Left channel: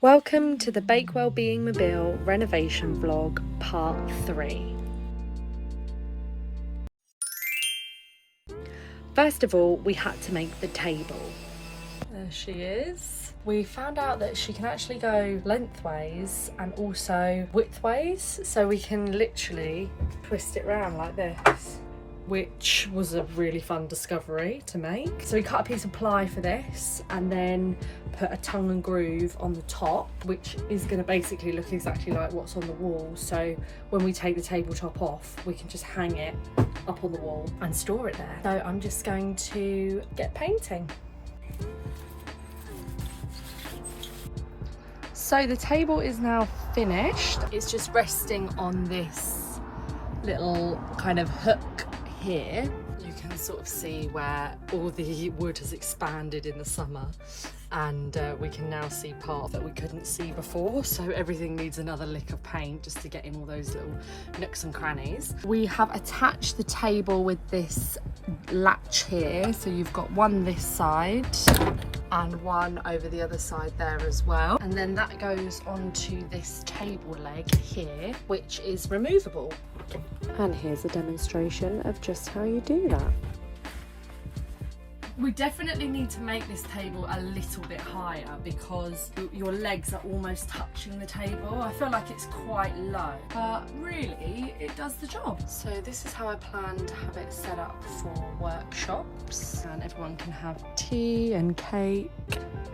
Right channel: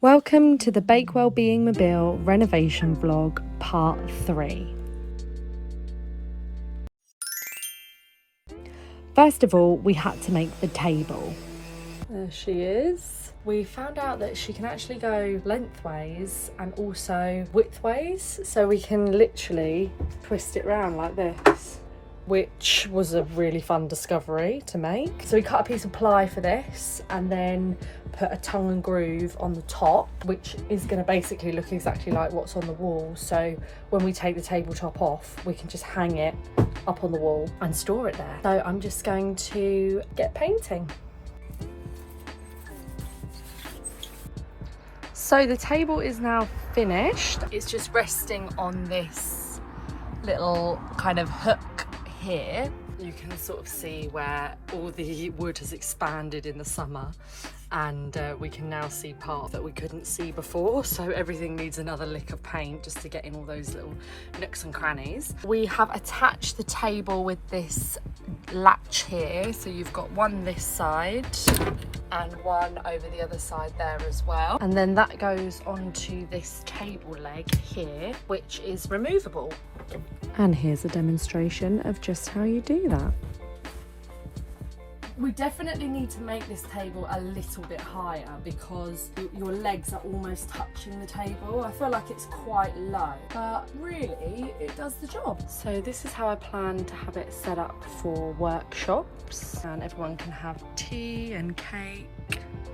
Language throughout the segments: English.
Welcome to the Bakewell Being Mobile renovation vlog part 3. First of all, we had to make the table. There she is. We found out that she can actually go lengthways and also widthways, so we can literally twist it around like this, which was a really fun discovery to make. So we cut a piece of ply for this and then put a tongue and groove on the top, which is going to basically look exactly like what's on the wall. So when we take the tabletop off, we can just hang it up on the wall and store it there. So I'm just going to get painting. So the table is now finished. It's just resting on this little kind of hook here. You can sort of see where all the wood has expanded in the summer, and we can now see part that we couldn't see before, so everything needs another lick of paint just to get in all those little nooks and crannies. We have attached the table with this latch here, so you've got one this side and one over the other side there as well, and then that goes onto this table leg here, which is removable. And here's a demonstration of just how you do that. We definitely need to make this table a little bit higher because your legs are almost touching the table. I feel like it's quite low, but really it does the job. So this is how I plan to have it set up for workshops, and everyone can have tea and cake.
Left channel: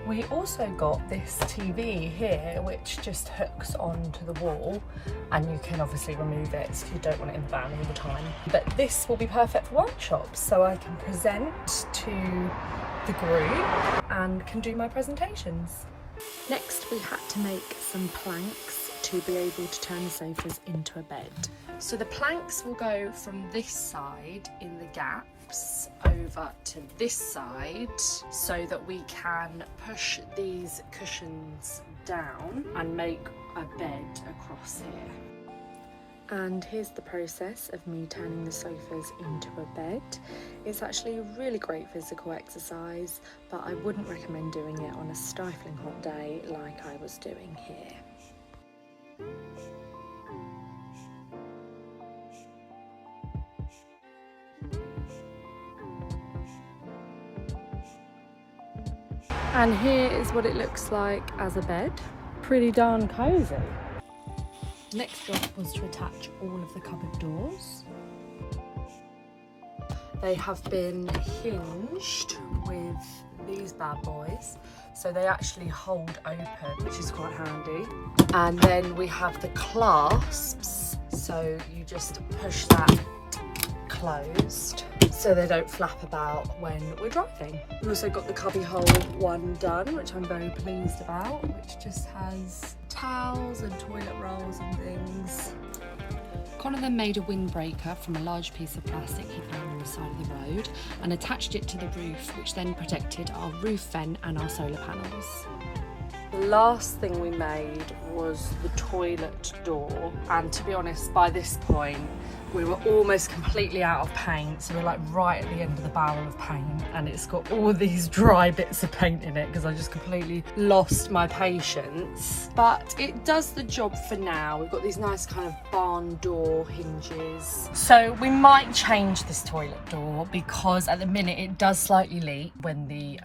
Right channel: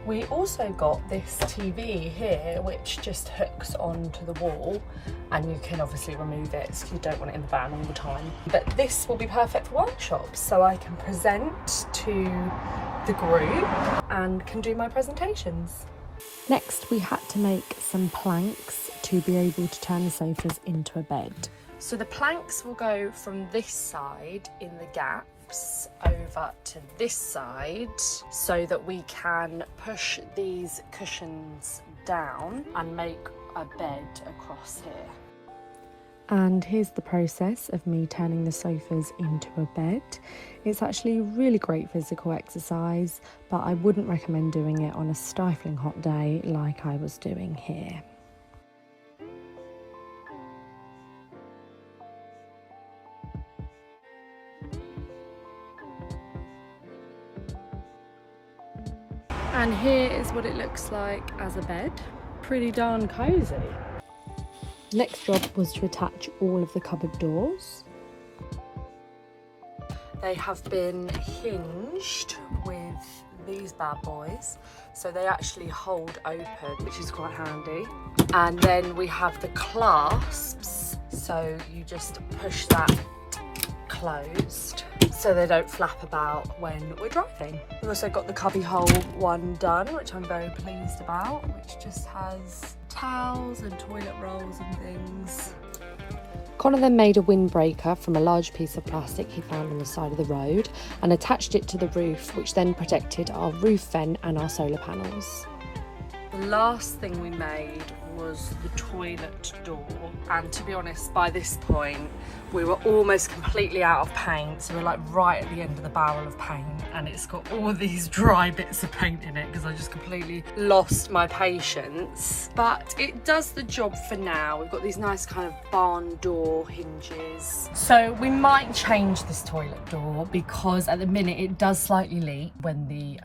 We also got this TV here which just hooks onto the wall, and you can obviously remove it if you don't want it in the van all the time. But this will be perfect for workshops, so I can present to the group and can do my presentations. Next, we had to make some planks to be able to turn the sofas into a bed. So the planks will go from this side in the gaps over to this side so that we can push these cushions down and make a bed across here. And here's the process of me turning the sofas into a bed. It's actually a really great physical exercise, but I wouldn't recommend doing it on a stifling hot day like I was doing here. And here is what it looks like as a bed. Pretty darn cozy. Next job was to attach all of the cupboard doors. They have been hinged with these bad boys, so they actually hold open, which is quite handy. And then we have the clasps, so you just push that closed so they don't flap about when we're driving. We've also got the cubby hole one done, which I'm very pleased about, which just has towels and toilet rolls and things. Connor then made a windbreaker from a large piece of plastic he found on the side of the road and attached it to the roof, which then protected our roof vent and our solar panels. The last thing we made was the toilet door, and to be honest, by this point we were almost completely out of paint, so we're like right at the end of the barrel of paint, and it's got all these dry bits of paint in it because I just completely lost my patience. But it does the job for now. We've got these nice kind of barn door hinges. So we might change this toilet door because at the minute it does slightly leak when the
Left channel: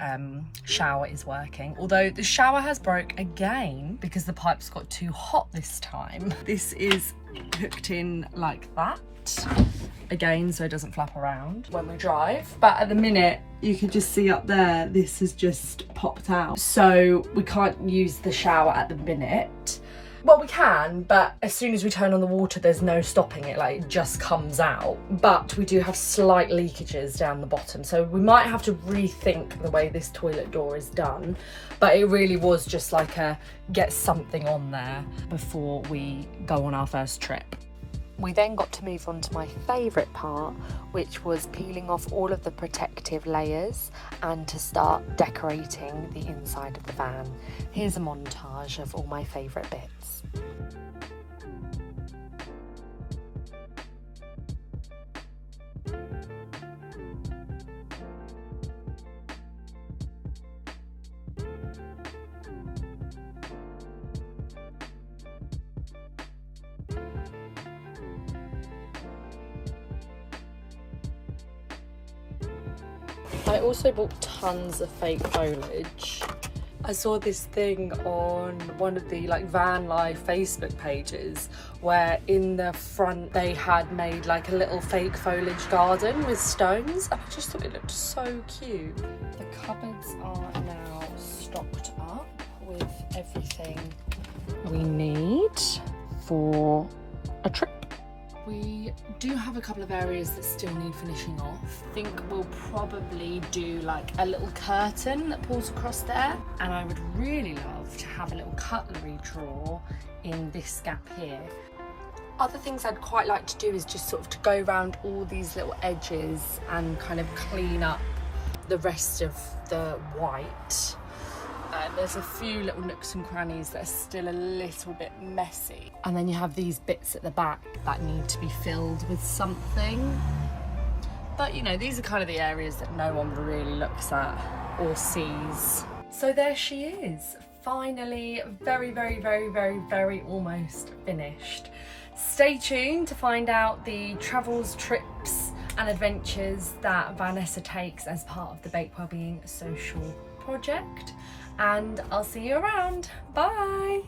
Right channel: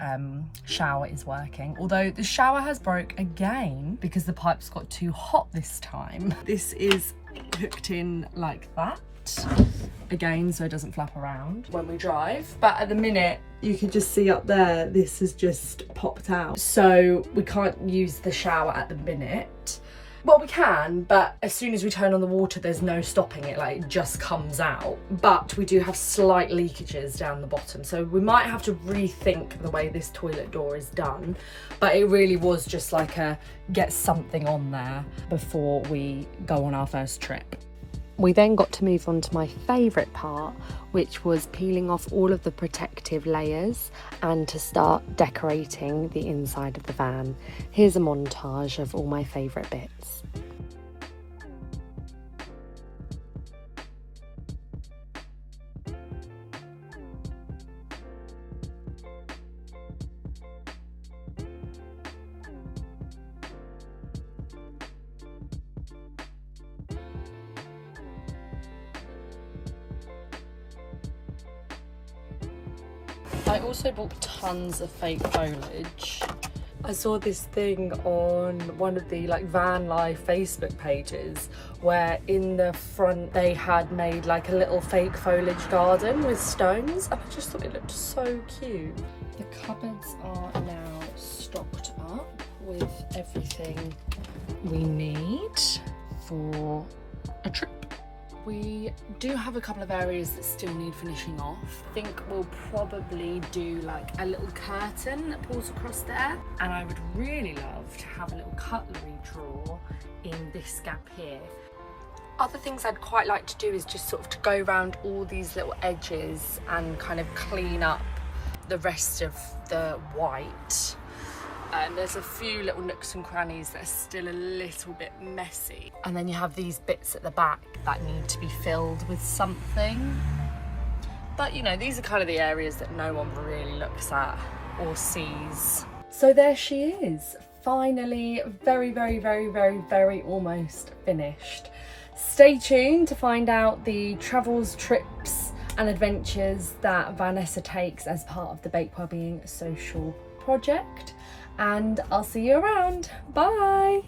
shower is working, although the shower has broke again because the pipes got too hot this time. This is hooked in like that again, so it doesn't flap around when we drive, but at the minute you can just see up there this has just popped out, so we can't use the shower at the minute. Well, we can, but as soon as we turn on the water there's no stopping it, like it just comes out. But we do have slight leakages down the bottom, so we might have to rethink the way this toilet door is done. But it really was just like a get something on there before we go on our first trip. We then got to move on to my favourite part, which was peeling off all of the protective layers and to start decorating the inside of the van. Here's a montage of all my favourite bits. I also bought tons of fake foliage. I saw this thing on one of the like van life Facebook pages where in the front they had made like a little fake foliage garden with stones, and I just thought it looked so cute. The cupboards are now stocked up with everything we need for a trip. We do have a couple of areas that still need finishing off. I think we'll probably do like a little curtain that pulls across there, and I would really love to have a little cutlery drawer in this gap here. Other things I'd quite like to do is just sort of to go around all these little edges and kind of clean up the rest of the white. There's a few little nooks and crannies that are still a little bit messy. And then you have these bits at the back that need to be filled with something. But you know, these are kind of the areas that no one really looks at or sees. So there she is, finally very, very, very, very, very almost finished. Stay tuned to find out the travels, trips and adventures that Vanessa takes as part of the Bake Wellbeing social project. And I'll see you around. Bye.